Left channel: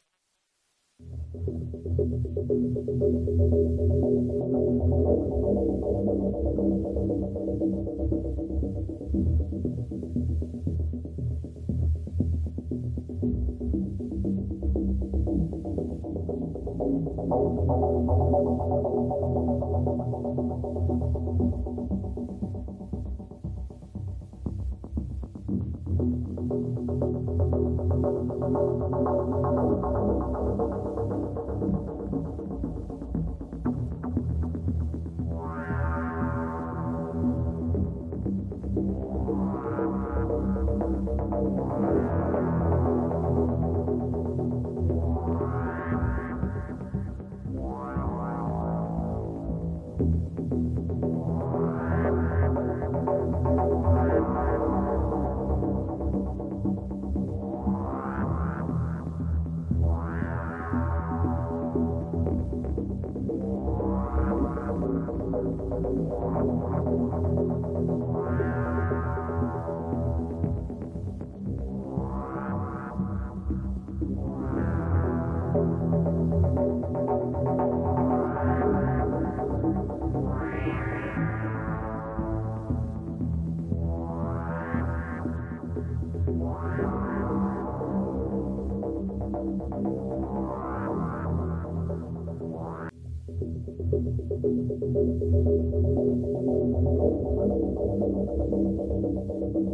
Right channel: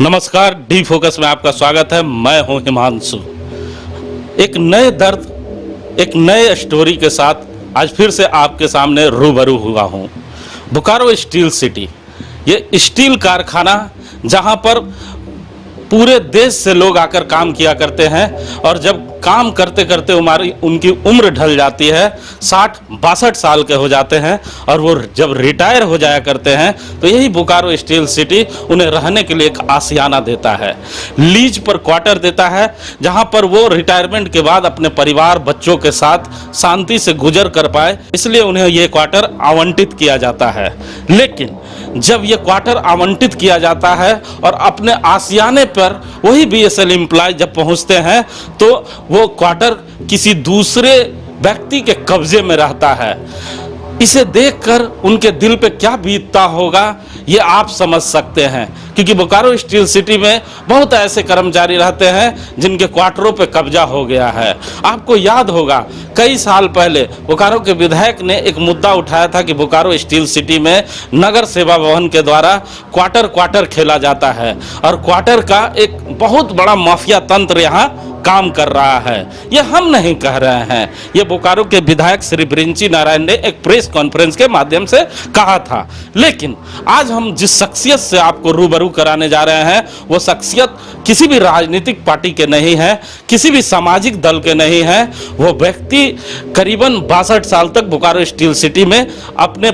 नमस्कार, D focus में आपका स्वागत है। मैं हूं हिमांशु। एक नए दर्द, एक नए स्टोरी के साथ आज फिर से आपके सामने रूबरू हुआ हूं। बोकारो स्टील सिटी, ये स्टील कारखाना जहां पर पूरे देश से लोग आकर काम किया करते हैं और जब काम करते करते उनकी उम्र ढल जाती है, 60-62 साल के हो जाते हैं और वो जब रिटायर हो जाया करते हैं तो यही बोकारो स्टील सिटी उन्हें रहने के लिए एक आशियाना देता है, लीज पर क्वार्टर देता है, जहां पर वो रिटायरमेंट के बाद अपने परिवार बच्चों के साथ शांति से गुजर कर पाए, इसलिए उन्हें ये क्वार्टर आवंटित किया जाता है। लेकिन जब ये क्वार्टर आवंटित किया जाता है और अपने आशियाने पर वही बीएसएल एम्प्लॉय जब पहुंचते हैं तो वो क्वार्टर किसी दूसरे व्यक्ति के कब्जे में रहता है। इसे देखकर उनके दिल पे क्या बीतता होगा ये आप समझ सकते हैं, क्योंकि बोकारो स्टील सिटी में बहुत ऐसे कर्मचारी रहते हैं जिनके क्वार्टरों पे कब्जा हो गया है। आपको याद होगा कई साल पहले बोकारो के विधायक ने एक मुद्दा उठाया था कि बोकारो स्टील सिटी में नगर सेवा भवन के द्वारा क्वार्टर खेला जाता है और क्वार्टर का एक बहुत बड़ा माफिया तंत्र यहाँ काम कर रहा है। ये हम नहीं कह रहे हैं, ये बोकारो के विधायक श्री बृंची नारायण ने एक प्रेस कॉन्फ्रेंस के माध्यम से कहा था। लेकिन आज हम जिस शख्सियत से आपको रूबरू कराने जा रहे हैं वो शख्सियत किसी भी राजनीतिक पार्टी के नहीं है, किसी भी सामाजिक दल के नहीं है। वो व्यक्ति करीबन 62 साल तक बोकारो स्टील सिटी में अपने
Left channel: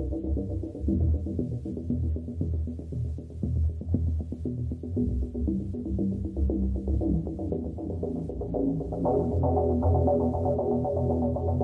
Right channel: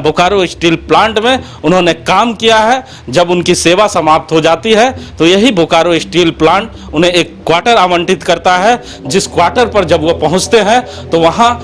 बोकारो स्टील प्लांट में उन्होंने काम किया है। जब उनकी सेवा समाप्त हो जाती है तो यही बोकारो स्टील प्लांट उन्हें एक क्वार्टर आवंटित करता है, जिस क्वार्टर पर जब वो पहुंचते हैं तो वहां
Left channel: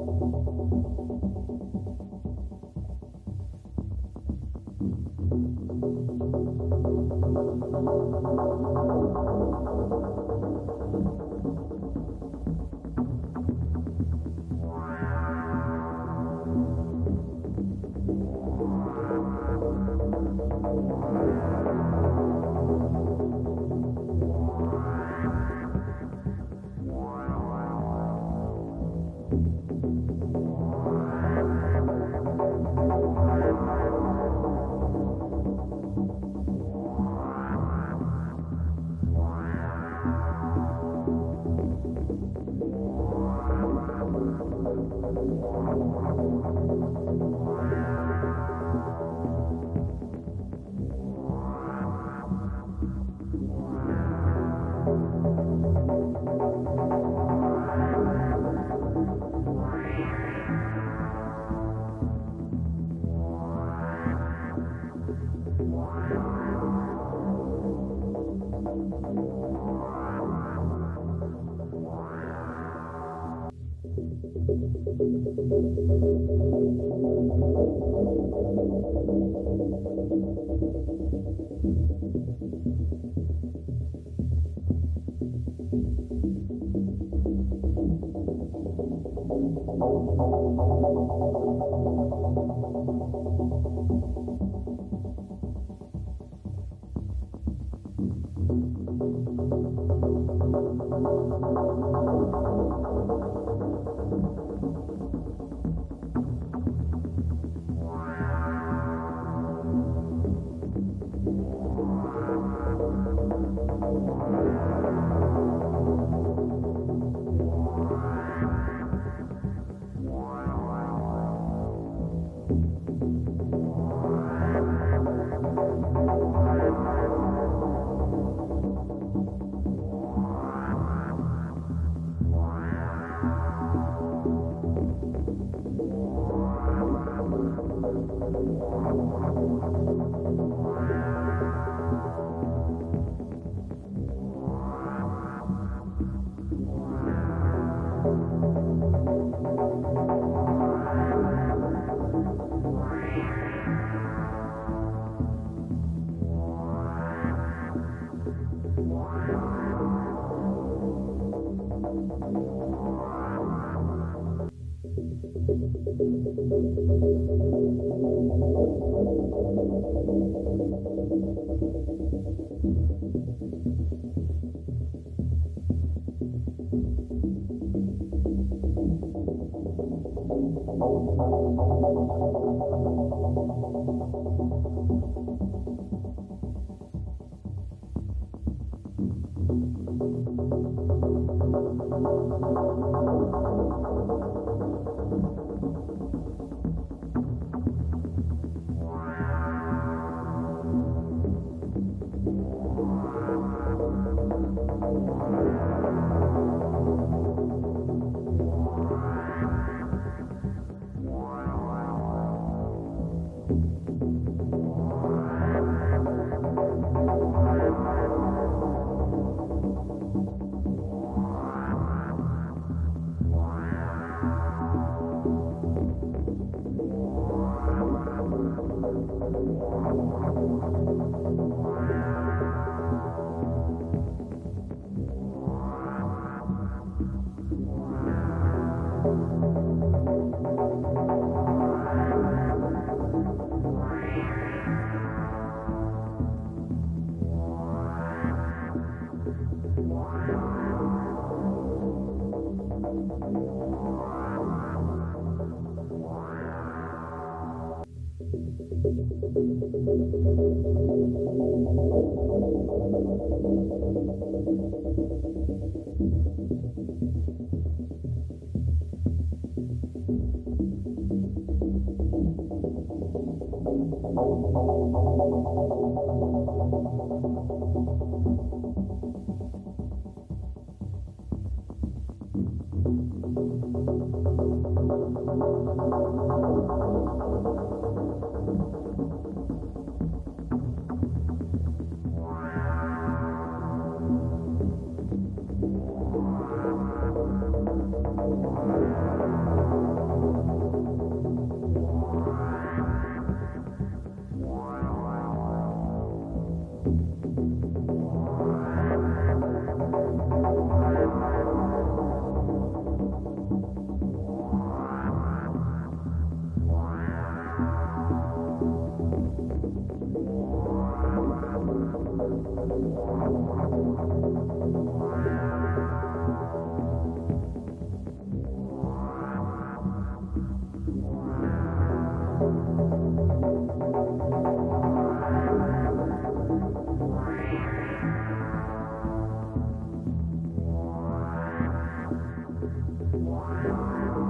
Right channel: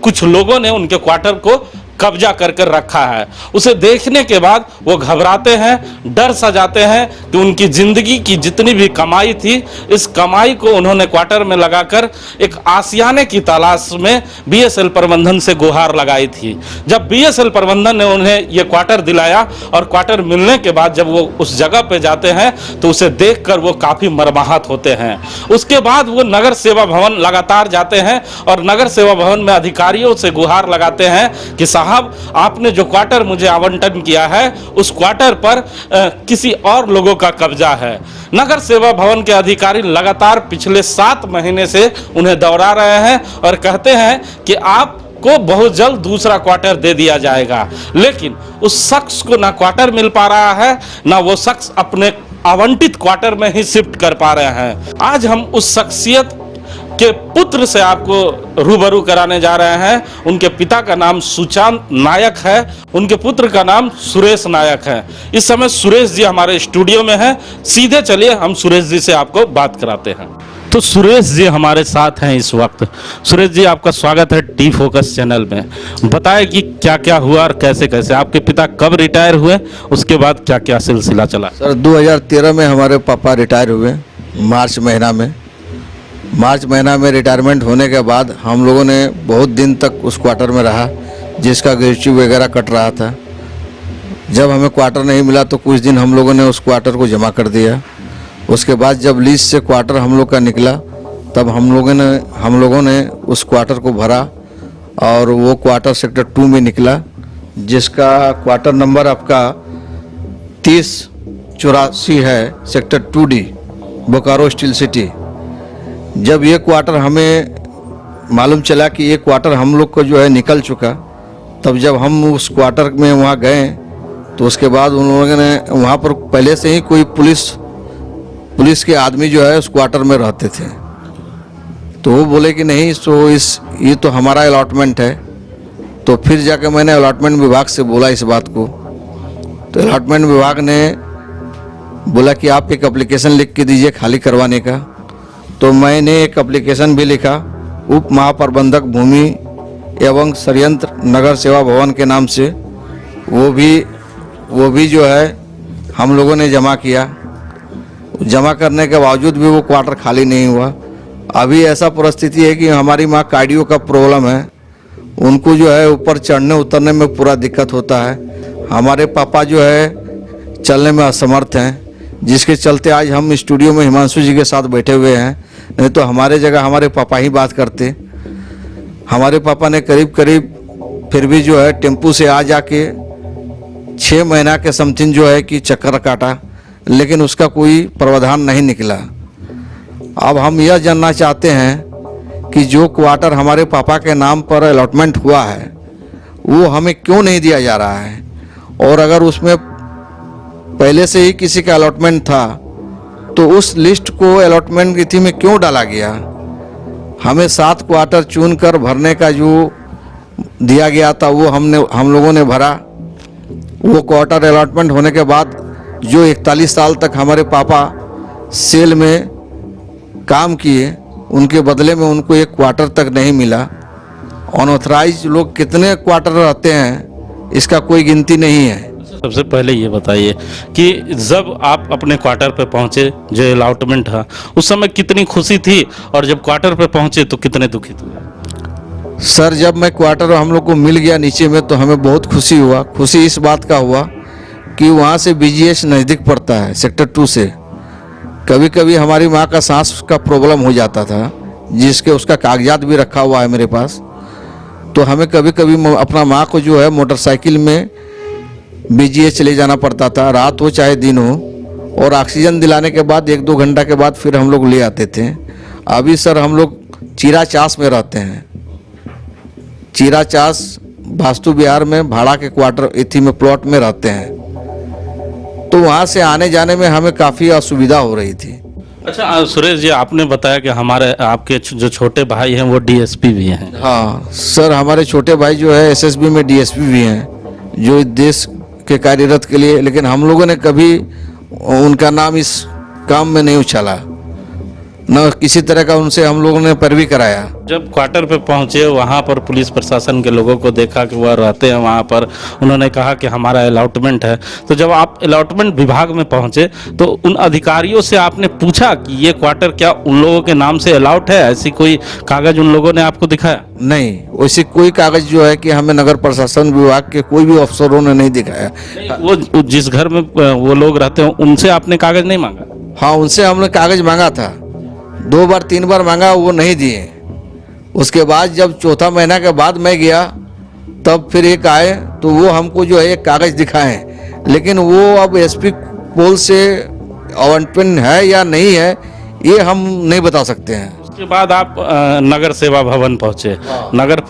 कुछ लोगों ने उनके क्वार्टर को कब्जा करके रखा है। उसे देखने के बाद वो घबराते हैं, डर सा जाते हैं कि उनकी जिंदगी की जितनी भी कमाई थी, इस कमाई को उन्होंने क्वार्टर में लगाकर एक आशियाने की तलाश में बीएसएल प्रबंधन से गुहार लगाई थी। जब बीएसएल प्रबंधन ने उन्हें ये क्वार्टर दिलाया और क्वार्टर मिलने के बाद जब वो उस जगह पे जाते हैं तो उसे देखकर वो काफी मर्माहत होते हैं। उसके बाद वो नगर सेवा भवन लगातार जाते हैं और नगर सेवा भवन में अधिकारियों से गुहार लगाते हैं कि साहब, आपने जो क्वार्टर मुझे आवंटन किया है उस क्वार्टर पर किसी और लोगों का कब्जा है। नगर सेवा भवन के अधिकारी लगातार पिछले 7 महीने से उन्हें दौड़ा रहे हैं और कहते हैं कि आपको बहुत जल्द दूसरा क्वार्टर दे दिया जाएगा, लेकिन उस शख्स को ना क्वार्टर मिल पा रहा है, ना वो शख्स अपने आवंटित क्वार्टर में ही शिफ्ट कर पा रहे हैं। आज हम उस शख्सियत के पुत्र से आपको रूबरू कराने जा रहे हैं। उनके पिता का नाम सुशांत नायक है, उनके पुत्र का नाम सुरेश नायक है। इस समय सुरेश जी हमारे स्टूडियो में हैं। सीधे चलिए हम सुरेश जी से आपको बात कराते हैं। तो सुरेश जी हमारे साथ हैं इस वक्त। सुरेश जी, आपका स्वागत है डी फोकस चैनल में। बताएं कि क्या क्या हुआ और कैसे कैसे आपके पिता कब रिटायर हुए, उसके बाद क्या क्या सिलसिला चला। सर 2013 में हमारे पापा रिटायर हुए, मार्च महीना में रिटायरमेंट होने के बाद हम लोगों ने बहुत दिन तक उस क्वार्टर में रहा, जिसका ग्रेच्यू वगैरह कट रहा था। जब हमें क्वार्टर नहीं मिला तो कुछ दिन हम लोगों ने उस क्वार्टर को जमा कर दिया। उसके बाद जब लीज से क्वार्टर हम लोग का निकला तब हम लोगों ने उस क्वार्टर को भरा और वो क्वार्टर सेक्टर 2 में निकला, जिसका क्वार्टर नंबर आपका 3084 है, sector 2D, Bokaro steel city. जब ये क्वार्टर हमें मालूम चला कि ये क्वार्टर हम लोग को जो है निकल चुका, तब जब हम उस क्वार्टर में वहाँ गए तो उसके बाद उन लोगों ने वहाँ पर पहले से ही कोई पुलिस के आदमी जो है उस क्वार्टर में रहते थे, तो वो बोले कि नहीं, सो ये तो हमारा अलॉटमेंट है। तो फिर जाकर मैंने अलॉटमेंट विभाग से बोला इस बात को, तो अलॉटमेंट विभाग ने बोला कि आप एक एप्लीकेशन लिख के दीजिए खाली करवाने का। तो मैंने एक एप्लीकेशन भी लिखा उप महाप्रबंधक भूमि एवं षड्यंत्र नगर सेवा भवन के नाम से। वो भी जो है हम लोगों ने जमा किया। जमा करने के बावजूद भी वो क्वार्टर खाली नहीं हुआ। अभी ऐसा परिस्थिति है कि हमारी माँ कार्डियो का प्रॉब्लम है, उनको जो है ऊपर चढ़ने उतरने में पूरा दिक्कत होता है। हमारे पापा जो है चलने में असमर्थ हैं, जिसके चलते आज हम स्टूडियो में हिमांशु जी के साथ बैठे हुए हैं, नहीं तो हमारे जगह हमारे पापा ही बात करते। हमारे पापा ने करीब फिर भी जो है टेम्पू से आ जाके 6 महीना के समथिंग जो है कि चक्कर काटा, लेकिन उसका कोई प्रावधान नहीं निकला। अब हम यह जानना चाहते हैं कि जो क्वार्टर हमारे पापा के नाम पर अलॉटमेंट हुआ है वो हमें क्यों नहीं दिया जा रहा है, और अगर उसमें पहले से ही किसी का अलॉटमेंट था तो उस लिस्ट को अलॉटमेंट तिथि में क्यों डाला गया। हमें 7 क्वार्टर चुनकर भरने का जो दिया गया था वो हम लोगों ने भरा। वो क्वार्टर अलॉटमेंट होने के बाद जो 41 साल तक हमारे पापा सेल में काम किए उनके बदले में उनको 1 क्वार्टर तक नहीं मिला। अनऑथराइज लोग कितने क्वार्टर रहते हैं इसका कोई गिनती नहीं है। सबसे पहले ये बताइए कि जब आप अपने क्वार्टर पे पहुंचे, जो अलॉटमेंट था, उस समय कितनी खुशी थी, और जब क्वार्टर पे पहुंचे तो कितने दुखित हुए? सर, जब मैं क्वार्टर हम लोग को मिल गया नीचे में तो हमें बहुत खुशी हुआ। खुशी इस बात का हुआ कि वहाँ से BGH नज़दीक पड़ता है सेक्टर 2 से। कभी कभी हमारी माँ का सांस का प्रॉब्लम हो जाता था, जिसके उसका कागजात भी रखा हुआ है मेरे पास। तो हमें कभी कभी अपना माँ को जो है मोटरसाइकिल में BGH ले जाना पड़ता था, रात हो चाहे दिन हो, और ऑक्सीजन दिलाने के बाद 1-2 घंटा के बाद फिर हम लोग ले आते थे। अभी सर हम लोग चीराचास में रहते हैं। चीराचास वास्तु विहार में भाड़ा के क्वार्टर इथी में प्लॉट में रहते हैं, तो वहाँ से आने जाने में हमें काफ़ी असुविधा हो रही थी। अच्छा सुरेश जी, आपने बताया कि हमारे आपके जो छोटे भाई हैं वो DSP भी हैं। हाँ सर, हमारे छोटे भाई जो है SSB में DSP भी हैं, जो इस देश के कार्यरत के लिए, लेकिन हम लोगों ने कभी उनका नाम इस काम में नहीं उछाला, न किसी तरह का उनसे हम लोगों ने पैरवी कराया। जब क्वार्टर पे पहुंचे वहां पर पुलिस प्रशासन के लोगों को देखा कि वह रहते हैं वहां पर, उन्होंने कहा कि हमारा अलॉटमेंट है। तो जब आप अलॉटमेंट विभाग में पहुंचे तो उन अधिकारियों से आपने पूछा कि ये क्वार्टर क्या उन लोगों के नाम से अलॉट है? ऐसी कोई कागज उन लोगों ने आपको दिखाया? नहीं, वैसे कोई कागज जो है कि हमें नगर प्रशासन विभाग के कोई भी अफसरों ने नहीं दिखाया। वो जिस घर में वो लोग रहते हैं उनसे आपने कागज नहीं मांगा? हाँ, उनसे हमने कागज मांगा था, 2 बार 3 बार मांगा, वो नहीं दिए। उसके बाद जब 4था महीना के बाद मैं गया तब फिर एक आए तो वो हमको जो है एक कागज दिखाएं, लेकिन वो अब SP पोल से अलॉटमेंट है या नहीं है ये हम नहीं बता सकते हैं। उसके बाद आप नगर सेवा भवन पहुंचे। नगर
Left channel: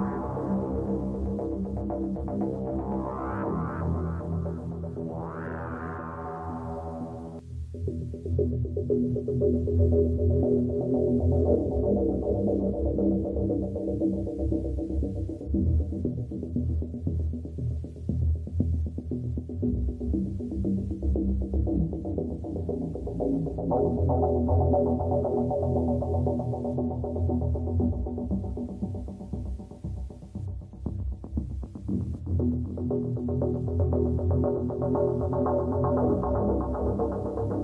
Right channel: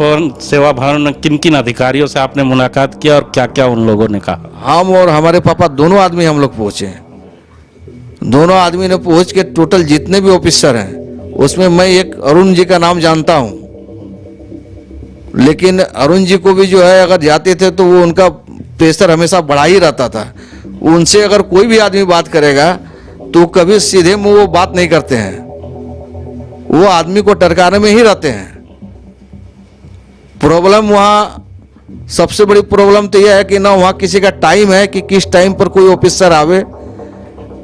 सेवा भवन में किन किन अधिकारियों से आपने मुलाकात किया और क्या क्या उन लोगों ने कहा? हम और हमारे पापा दोनों आदमी हम लोग पहुँचे। दोनों आदमी ने पहुँच के टोटल जितने भी ऑफिसर हैं उसमें मैं एक अरुण जी का नाम जानता हूँ, लेकिन अरुण जी को भी जो है अगर जाते थे तो वो उनका प्रेशर हमेशा बढ़ा ही रहता था। उनसे अगर कोई भी आदमी बात करेगा तो कभी सीधे मुंह वो बात नहीं करते हैं, वो आदमी को टरकाने में ही रहते हैं। प्रॉब्लम वहाँ सबसे बड़ी प्रॉब्लम तो यह है कि ना वहाँ किसी का टाइम है कि किस टाइम पर कोई ऑफिसर आवे,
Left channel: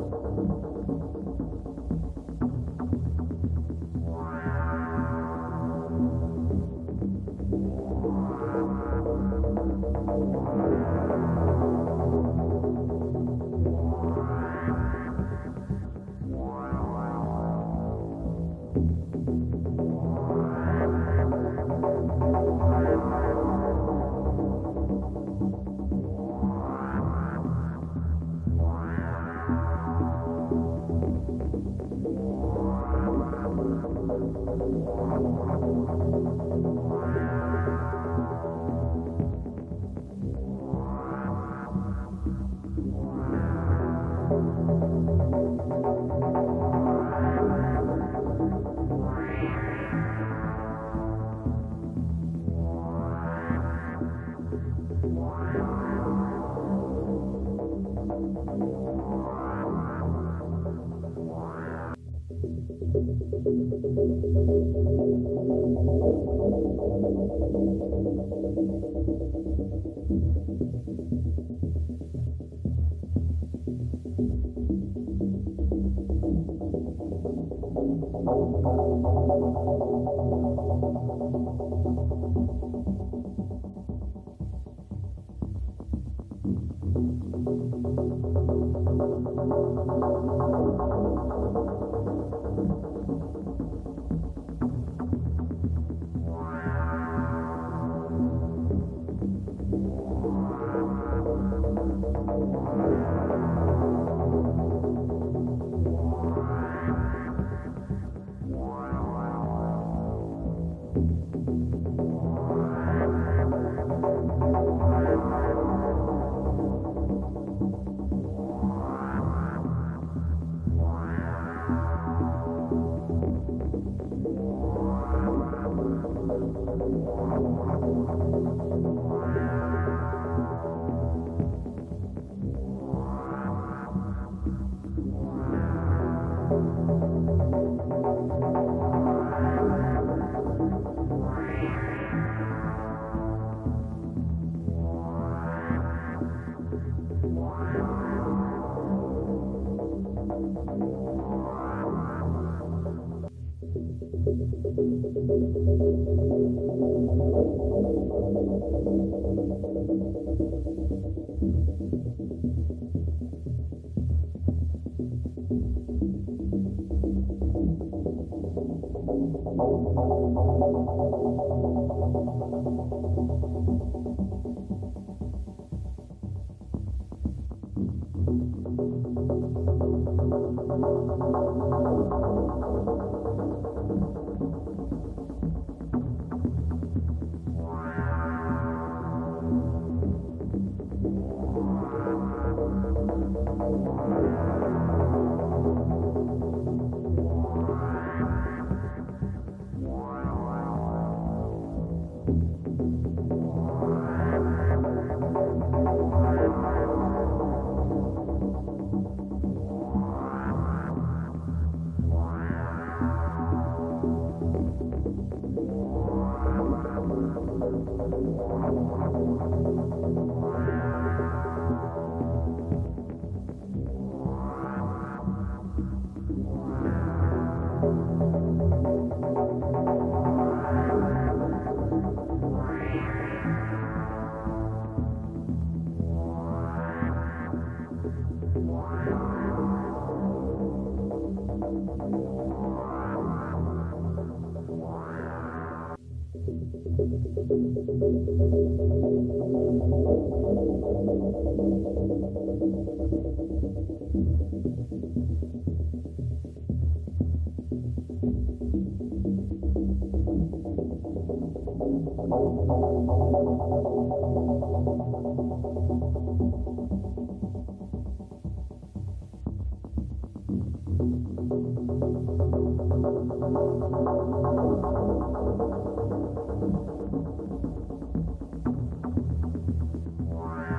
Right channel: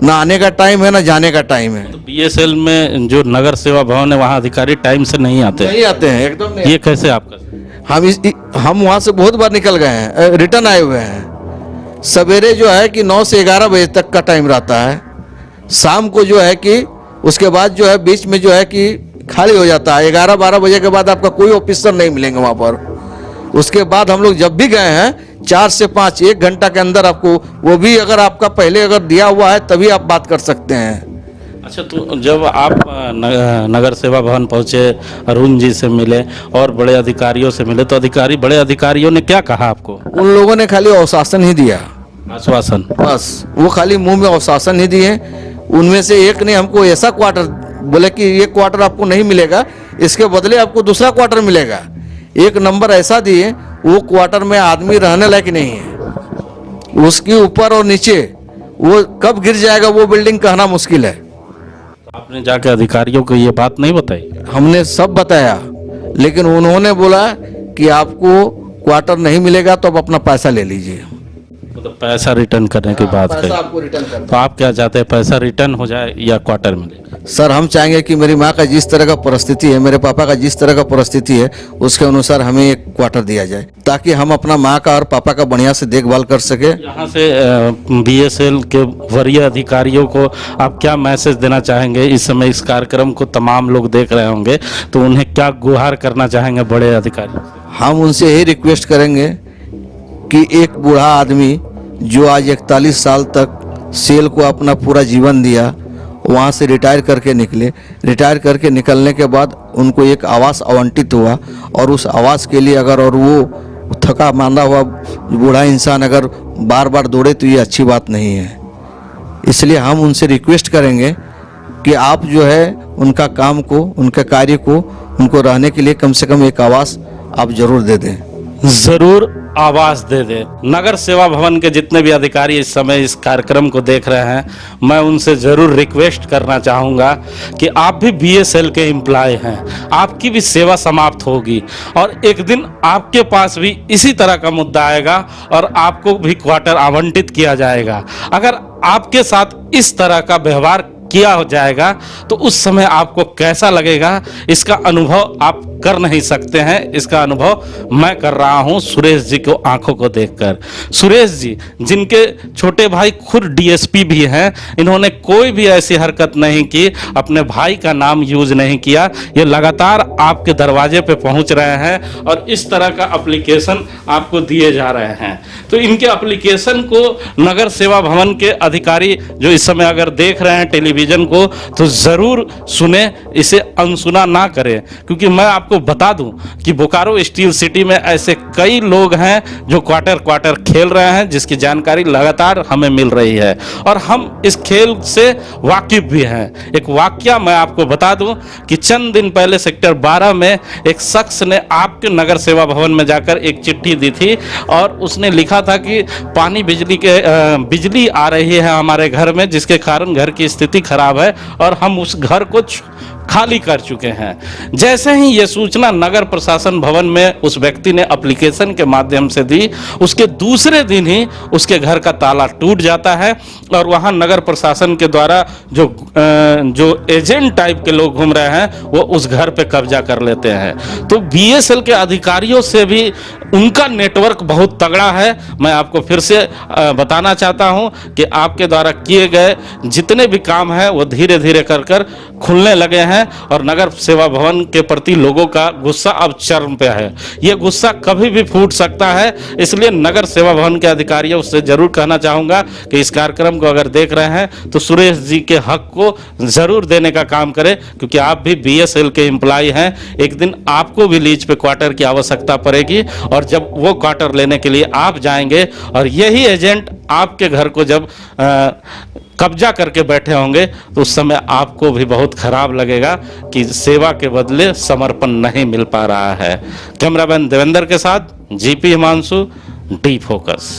ना आने का टाइम है ना जाने का टाइम है। तो BSL में जो नगर सेवा भवन है वहाँ अधिकारी टाइम से नहीं आते हैं एकदम नहीं। ये कैसे आपका? हम वहाँ से बहुत बार निकल गए हैं, रिटर्न आए हुए हैं। सवेरे जो है कि 9 से 11 बजे तक का टाइम रहता है, शाम को जो है कि उसके बाद जो है बीच में जो है कि खाली हो जाता है। 11-12 बजे के बाद आपका कोई ऑफिसर नहीं मिलेंगे वहाँ पर। उसके बाद हम लोग जब भी गए हैं 4 से 5 1 घंटा के अंदर आपको, वो भी अगर आपका पहले अगर दिया हुआ है तभी आप बात कर सकते हैं। अच्छा, तो जब आप नगर सेवा भवन पहुंचे, अरुण जी से मिले और बड़े अधिकारियों से मिले, तो बड़े अधिकारियों ने क्या कहा आपको? उन लोगों ने खाली आश्वासन ही दिया, आश्वासन बस। वो खाली मुंह में आश्वासन ही दिए। उनमें से एक ने हमको ऐसा क्वार्टर बोले कि ये क्वार्टर आपको नहीं मिलेगा, इसके बदले आपको दूसरा क्वार्टर मिलेगा। एक नंबर ऐसा दिए, वो क्वार्टर में आदमी रहने लायक नहीं है। उसके ऊपर और नीचे वो कब गिर जाएगा वो बिल्डिंग कहना मुश्किल है। आपने जाके अधिकारियों को ये बात नहीं बताई? हमने सब बताया, लेकिन उन्होंने बोला कि आपको क्वार्टर नहीं मिलेगा तो आप अपना पैसा ले लीजिए। तो पैसा रिटर्न करने की बात पैसा कही। आपको रिटर्न करना। तो आप क्या चाहते हैं, पैसा रिटर्न हो जाए या क्वार्टर मिले? सर, हम चाहेंगे कि मेरी माँ का जिस तरह का परिस्थिति है, मेरे पापा का जिस तरह का परिस्थिति है, उसके अनुसार हमें एक क्वार्टर दिया जाए, ताकि हम अपना माँ का और पापा का बढ़िया से देखभाल कर सके। यहाँ से BSL के वरीय अधिकारियों को आप क्या मैसेज देना चाहेंगे? इस समय इस कार्यक्रम को तमाम लोग देख रहे होंगे, तो उन्हें क्या गुहार करना चाहेंगे बड़े अधिकारी? हम उनसे यही रिक्वेस्ट करेंगे कि एक बूढ़ा आदमी जो आज 41 साल तक सेल को अपना पूरा जीवन दिया, वहाँ से रिटायर करके निकले। रिटायर करके निकलने के बाद उनको एक आवास आवंटित हुआ, और उस आवास के लिए अगर और वो थका मांदा हुआ बूढ़ा इंसान अगर बार बार दौड़े तो ये अच्छी बात नहीं है। इसलिए हम उनसे रिक्वेस्ट करेंगे कि आप जो है उनका काम को, उनके कार्य को, उनको रहने के लिए कम से कम एक आवास आप जरूर दे दें। जरूर आवास दे दे। नगर सेवा भवन के जितने भी अधिकारी इस समय इस कार्यक्रम को देख रहे हैं, मैं उनसे जरूर रिक्वेस्ट करना चाहूँगा कि आप भी बीएसएल के एम्प्लॉय हैं, आपकी भी सेवा समाप्त होगी और एक दिन आपके पास भी इसी तरह का मुद्दा आएगा और आपको भी क्वार्टर आवंटित किया जाएगा। अगर आपके साथ इस तरह का व्यवहार किया हो जाएगा तो उस समय आपको कैसा लगेगा, इसका अनुभव आप कर नहीं सकते हैं। इसका अनुभव मैं कर रहा हूं सुरेश जी को आंखों को देखकर। सुरेश जी जिनके छोटे भाई खुद डीएसपी भी हैं, इन्होंने कोई भी ऐसी हरकत नहीं की, अपने भाई का नाम यूज नहीं किया। ये लगातार आपके दरवाजे पे पहुंच रहे हैं और इस तरह का एप्लीकेशन आपको दिए जा रहे हैं। तो इनके एप्लीकेशन को नगर सेवा भवन के अधिकारी जो इस समय अगर देख रहे हैं टेलीविजन को, तो जरूर सुने, इसे अनसुना ना करें। क्योंकि मैं आपको बता दूं कि बोकारो स्टील सिटी में ऐसे कई लोग हैं जो क्वार्टर खेल रहे हैं, जिसकी जानकारी लगातार हमें मिल रही है और हम इस खेल से वाकिफ भी हैं। एक वाकया मैं आपको बता दूं कि चंद दिन पहले सेक्टर 12 में एक शख्स ने आपके नगर सेवा भवन में जाकर एक चिट्ठी दी थी और उसने लिखा था कि पानी बिजली आ रही है हमारे घर में, जिसके कारण घर की स्थिति खराब है और हम उस घर को खाली कर चुके हैं। जैसे ही ये सूचना नगर प्रशासन भवन में उस व्यक्ति ने एप्लीकेशन के माध्यम से दी, उसके दूसरे दिन ही उसके घर का ताला टूट जाता है और वहां नगर प्रशासन के द्वारा जो एजेंट टाइप के लोग घूम रहे हैं वो उस घर पे कब्जा कर लेते हैं। तो बीएसएल के अधिकारियों से भी उनका नेटवर्क बहुत तगड़ा है। मैं आपको फिर से बताना चाहता हूं कि आपके द्वारा किए गए जितने भी काम हैं वो धीरे धीरे कर खुलने लगे हैं और नगर सेवा भवन के प्रति लोगों का गुस्सा अब चरम पे है। ये गुस्सा कभी भी फूट सकता है, इसलिए नगर सेवा भवन के अधिकारियों से जरूर कहना चाहूंगा कि इस कार्यक्रम को अगर देख रहे हैं तो सुरेश जी के हक को जरूर देने का काम करें, क्योंकि आप भी बीएसएल के एम्प्लॉय हैं। एक दिन आपको भी लीज पे क्वार्टर की आवश्यकता पड़ेगी और जब वो क्वार्टर लेने के लिए आप जाएंगे और यही एजेंट आपके घर को जब कब्जा करके बैठे होंगे तो उस समय आपको भी बहुत खराब लगेगा कि सेवा के बदले समर्पण नहीं मिल पा रहा है। कैमरामैन देवेंद्र के साथ जीपी हिमांशु, डी फोकस।